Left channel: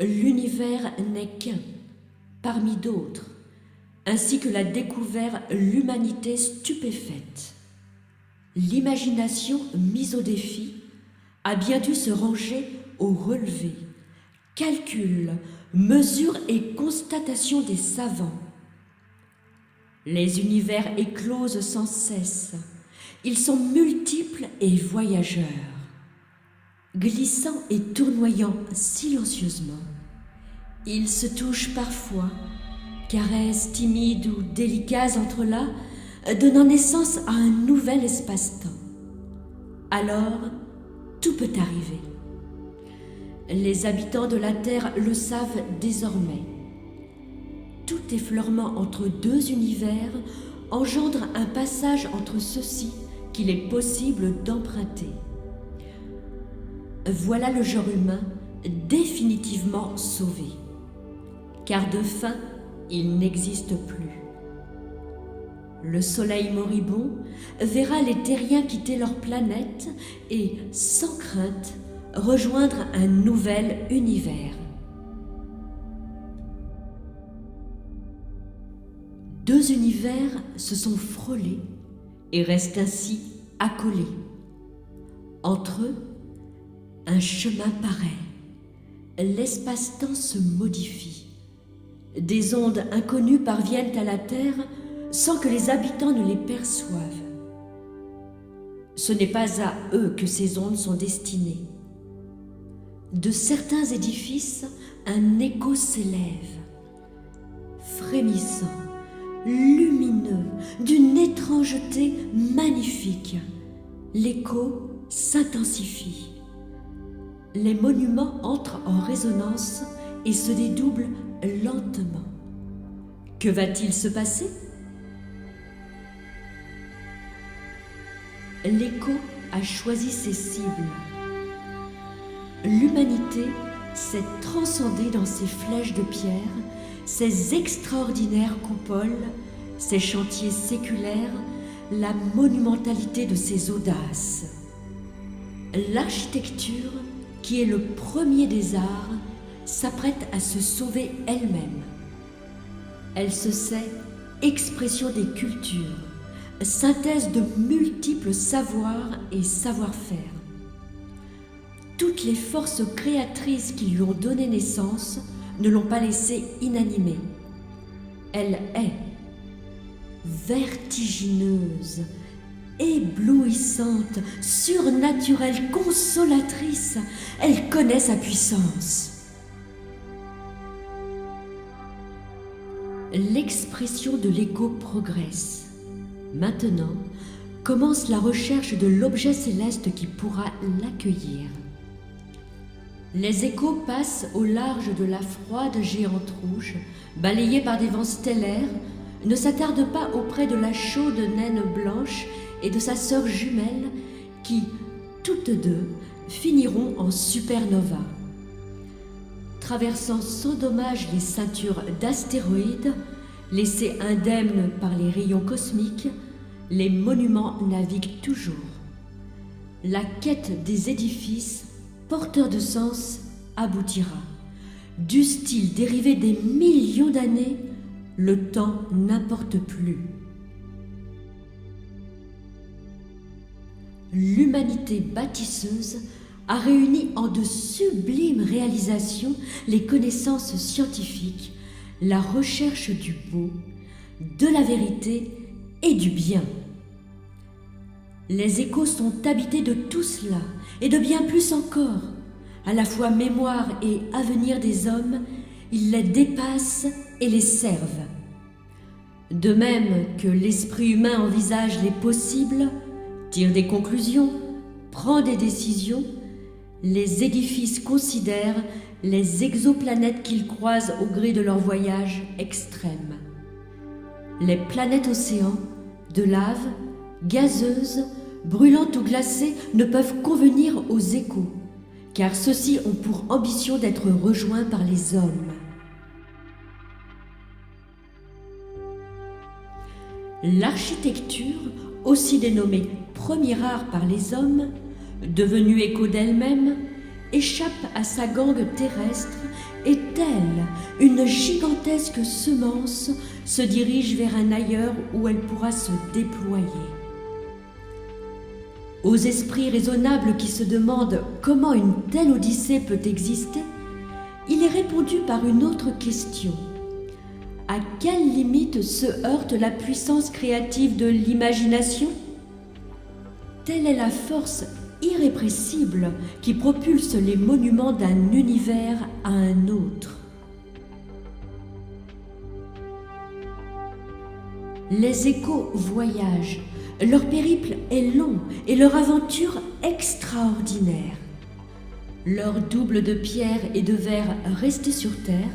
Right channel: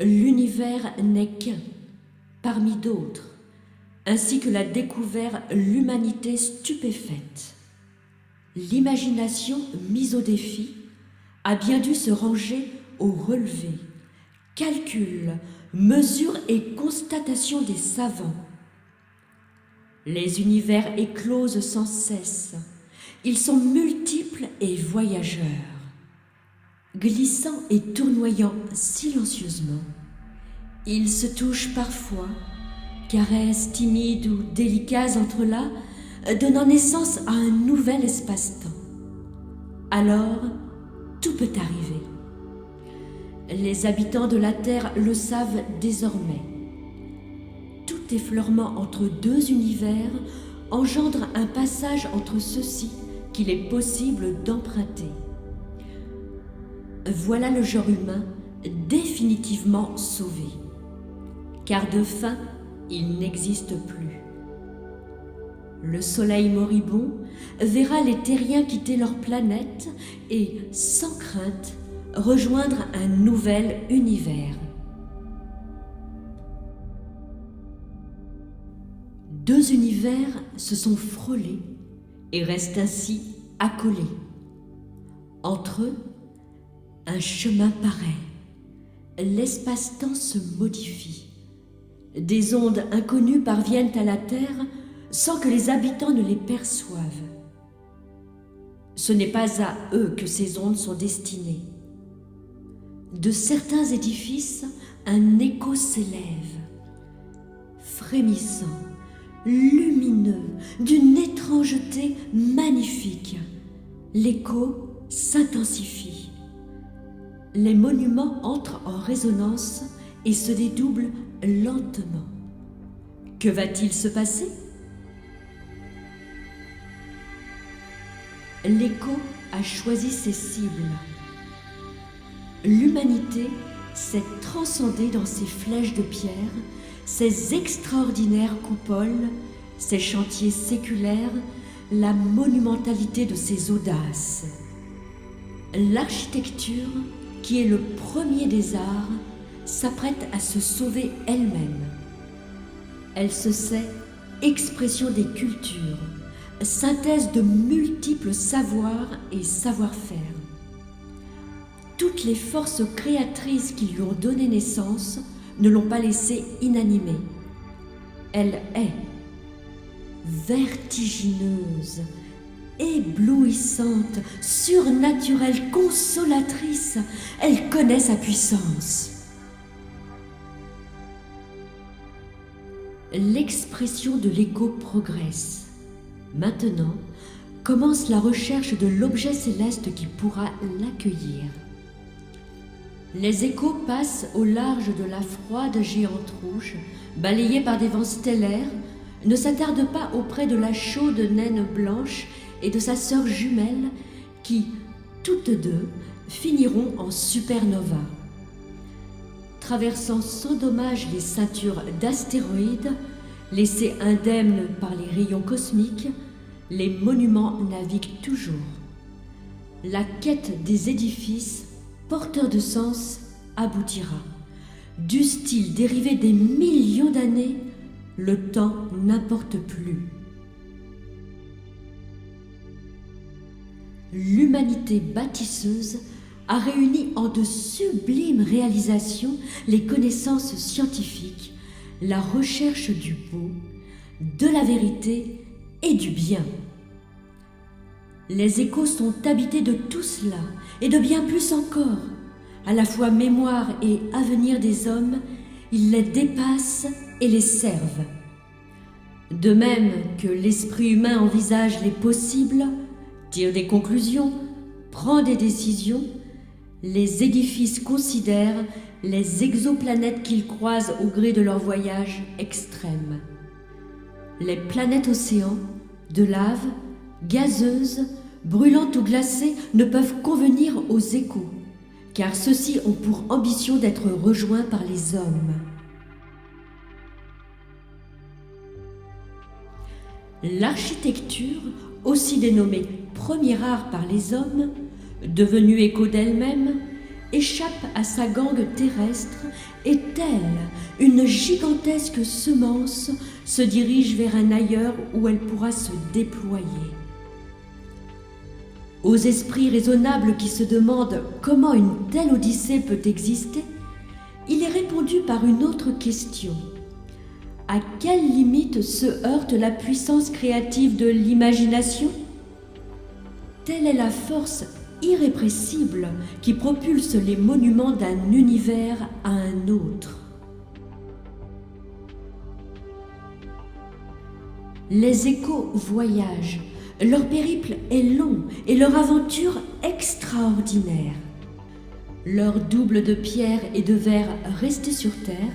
L'univers n'est qu'un, parmi d'autres, ainsi que l'a découvert l'humanité stupéfaite. L'imagination mise au défi a bien dû se ranger au relevé, calcul, mesure et constatation des savants. Les univers éclosent sans cesse, ils sont multiples et voyageurs. Glissant et tournoyant silencieusement, ils se touchent parfois, caresses timides ou délicats entrelacs, donnant naissance à un nouvel espace-temps. Alors, tout peut arriver. Les habitants de la Terre le savent désormais. Tout effleurement entre deux univers engendre un passage entre ceux-ci qu'il est possible d'emprunter. Voilà le genre humain définitivement sauvé, car de fin, il n'existe plus. Le soleil moribond verra les terriens quitter leur planète et, sans crainte, rejoindre un nouvel univers. Deux univers se sont frôlés et restent ainsi accolés. Entre eux, un chemin paraît. L'espace-temps se modifie. Des ondes inconnues parviennent à la Terre sans que les habitants ne les perçoivent. Ce n'est pas à eux que ces ondes sont destinées. De certains édifices, un écho s'élève, frémissant, lumineux, d'une étrangeté magnifique. L'écho s'intensifie. Les monuments entrent en résonance et se dédoublent lentement. Que va-t-il se passer? L'écho a choisi ses cibles. L'humanité s'est transcendée dans ses flèches de pierre, ses extraordinaires coupoles, ses chantiers séculaires, la monumentalité de ses audaces. L'architecture, qui est le premier des arts, s'apprête à se sauver elle-même. Elle se sait expression des cultures, synthèse de multiples savoirs et savoir-faire. Toutes les forces créatrices qui lui ont donné naissance ne l'ont pas laissée inanimée. Elle est vertigineuse, éblouissante, surnaturelle, consolatrice. Elle connaît sa puissance. L'expression de l'écho progresse. Maintenant, commence la recherche de l'objet céleste qui pourra l'accueillir. Les échos passent au large de la froide géante rouge, balayée par des vents stellaires, ne s'attardent pas auprès de la chaude naine blanche et de sa sœur jumelle qui, toutes deux, finiront en supernova. Traversant sans dommage les ceintures d'astéroïdes, laissés indemnes par les rayons cosmiques, les monuments naviguent toujours. La quête des édifices, porteurs de sens, aboutira. Dussent-ils dériver des millions d'années, le temps n'importe plus. L'humanité bâtisseuse a réuni en de sublimes réalisations les connaissances scientifiques, la recherche du beau, de la vérité et du bien. Les échos sont habités de tout cela et de bien plus encore. À la fois mémoire et avenir des hommes, ils les dépassent et les servent. De même que l'esprit humain envisage les possibles, tire des conclusions, prend des décisions, les édifices considèrent les exoplanètes qu'ils croisent au gré de leur voyage extrême. Les planètes océans, de lave, gazeuses, brûlantes ou glacées, ne peuvent convenir aux échos, car ceux-ci ont pour ambition d'être rejoints par les hommes. L'architecture, aussi dénommée premier art par les hommes, devenue écho d'elle-même, échappe à sa gangue terrestre et telle une gigantesque semence se dirige vers un ailleurs où elle pourra se déployer. Aux esprits raisonnables qui se demandent comment une telle odyssée peut exister, il est répondu par une autre question. À quelle limite se heurte la puissance créative de l'imagination ? Telle est la force irrépressible qui propulse les monuments d'un univers à un autre. Les échos voyagent, leur périple est long et leur aventure extraordinaire. Leurs doubles de pierre et de verre restés sur terre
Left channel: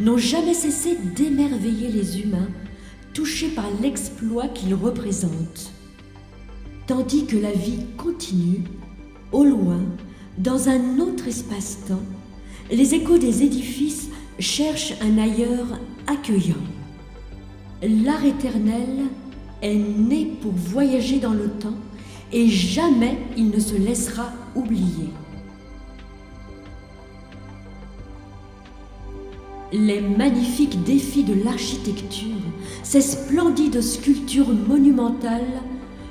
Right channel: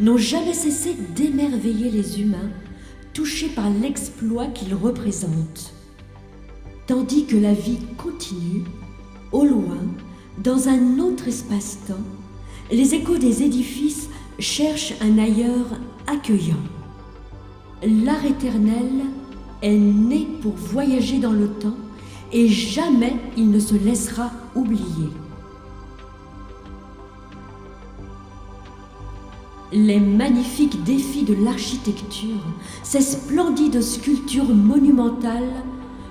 n'ont jamais cessé d'émerveiller les humains, touchés par l'exploit qu'ils représentent. Tandis que la vie continue, au loin, dans un autre espace-temps, les échos des édifices cherchent un ailleurs accueillant. L'art éternel est né pour voyager dans le temps et jamais il ne se laissera oublier. Les magnifiques défis de l'architecture, ces splendides sculptures monumentales,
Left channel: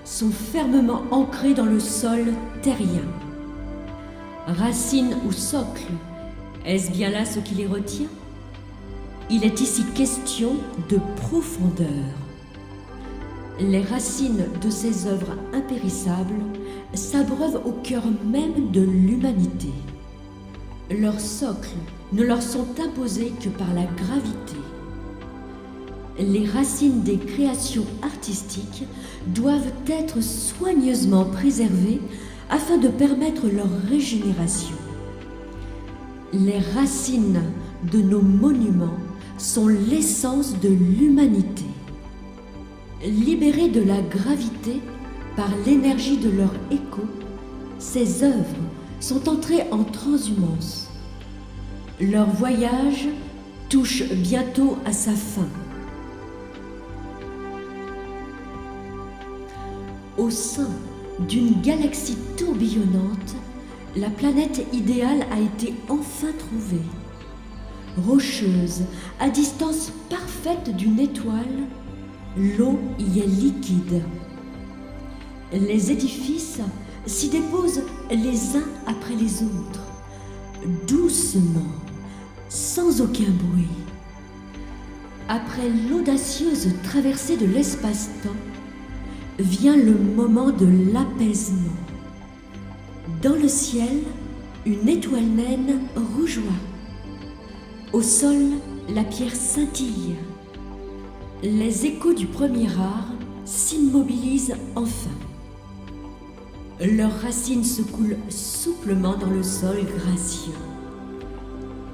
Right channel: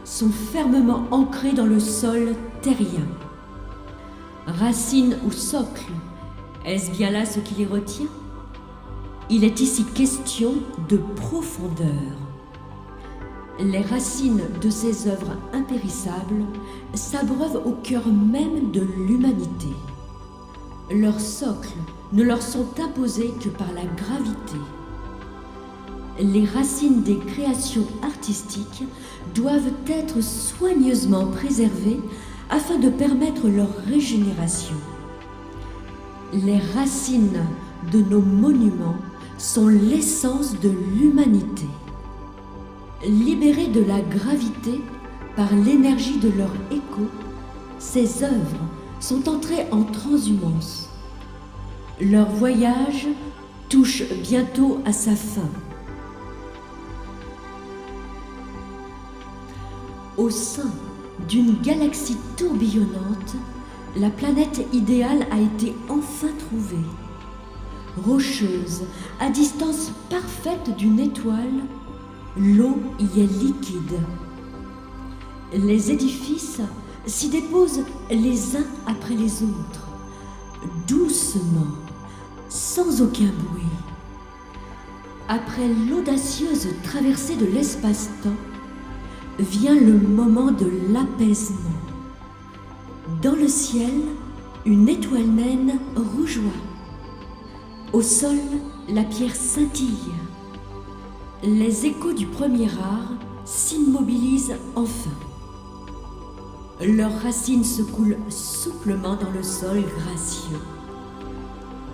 sont fermement ancrés dans le sol terrien. Racines ou socle, est-ce bien là ce qui les retient ? Il est ici question de profondeur. Les racines de ces œuvres impérissables s'abreuvent au cœur même de l'humanité. Leurs socles ne leur sont imposés que par la gravité. Les racines des créations artistiques doivent être soigneusement préservées afin de permettre leur régénération. Les racines de nos monuments sont l'essence de l'humanité. Libérées de la gravité par l'énergie de leur écho, ces œuvres sont entrées en transhumance. Leur voyage touche bientôt à sa fin. Au sein d'une galaxie tourbillonnante, la planète idéale a été enfin trouvée. Rocheuse, à distance parfaite d'une étoile, l'eau y est liquide. Les édifices s'y déposent les uns après les autres, doucement, sans aucun bruit. Après l'audacieuse traversée de l'espace-temps, vient le moment de l'apaisement. Dans le ciel, une étoile naine rougeoie. Au sol, la pierre scintille. Les échos du premier art s'immobilisent enfin. Leurs racines se coulent souplement dans le sol gracieux.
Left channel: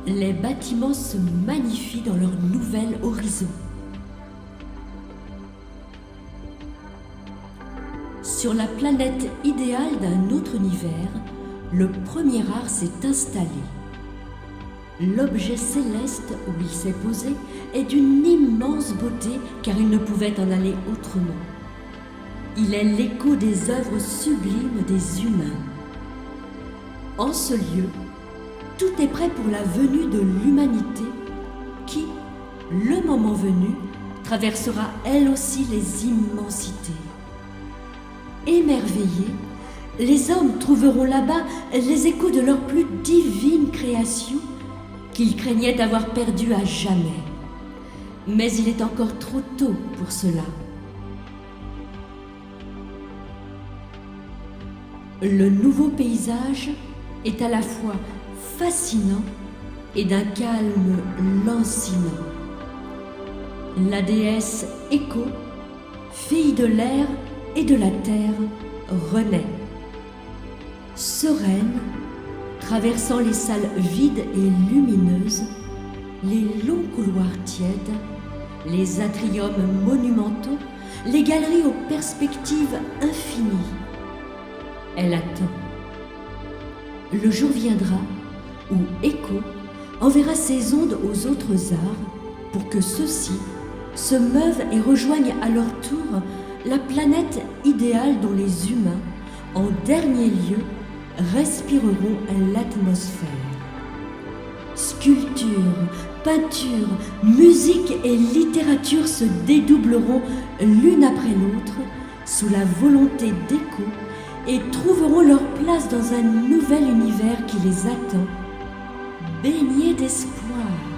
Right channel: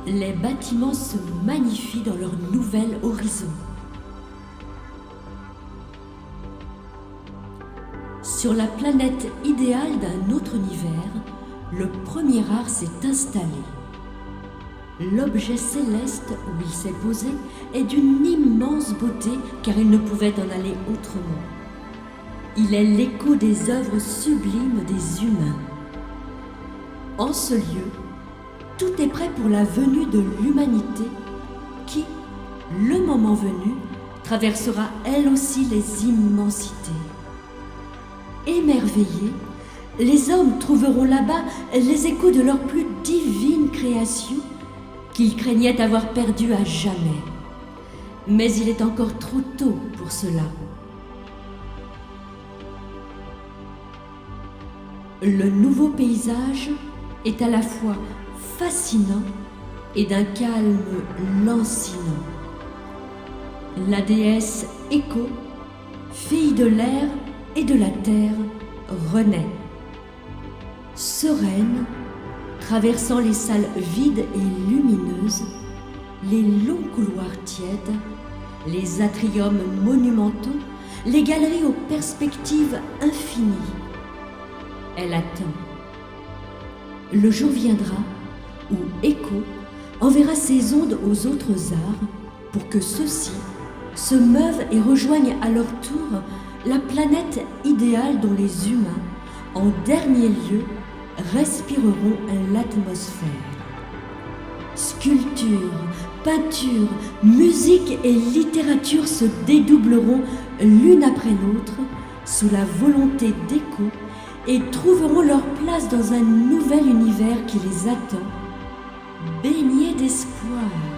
Les bâtiments se magnifient dans leur nouvel horizon. Sur la planète idéale d'un autre univers, le premier art s'est installé. L'objet céleste où il s'est posé est d'une immense beauté car il ne pouvait en aller autrement. Il est l'écho des œuvres sublimes des humains. En ce lieu, tout est prêt pour la venue de l'humanité qui, le moment venu, traversera elle aussi les immensités. Émerveillés, les hommes trouveront là-bas les échos de leur plus divine création qu'ils craignaient avoir perdue à jamais. Mais il est encore trop tôt pour cela. Le nouveau paysage est à la fois fascinant et d'un calme lancinant. La déesse Écho, fille de l'air et de la terre, renaît. Sereine, traversant les salles vides et lumineuses, les longs couloirs tièdes, les atriums monumentaux, les galeries aux perspectives infinies. Elle attend. Le jour viendra où Écho enverra ses ondes aux autres arts pour que ceux-ci se meuvent et rejoignent à leur tour la planète idéale dont les humains, en dernier lieu, respireront l'atmosphère. Sculpture, peinture, musique et littérature se dédoubleront l'une après l'autre sous la volonté d'écho et trouveront leur place dans un nouvel univers qui les attend, baigné d'espoir.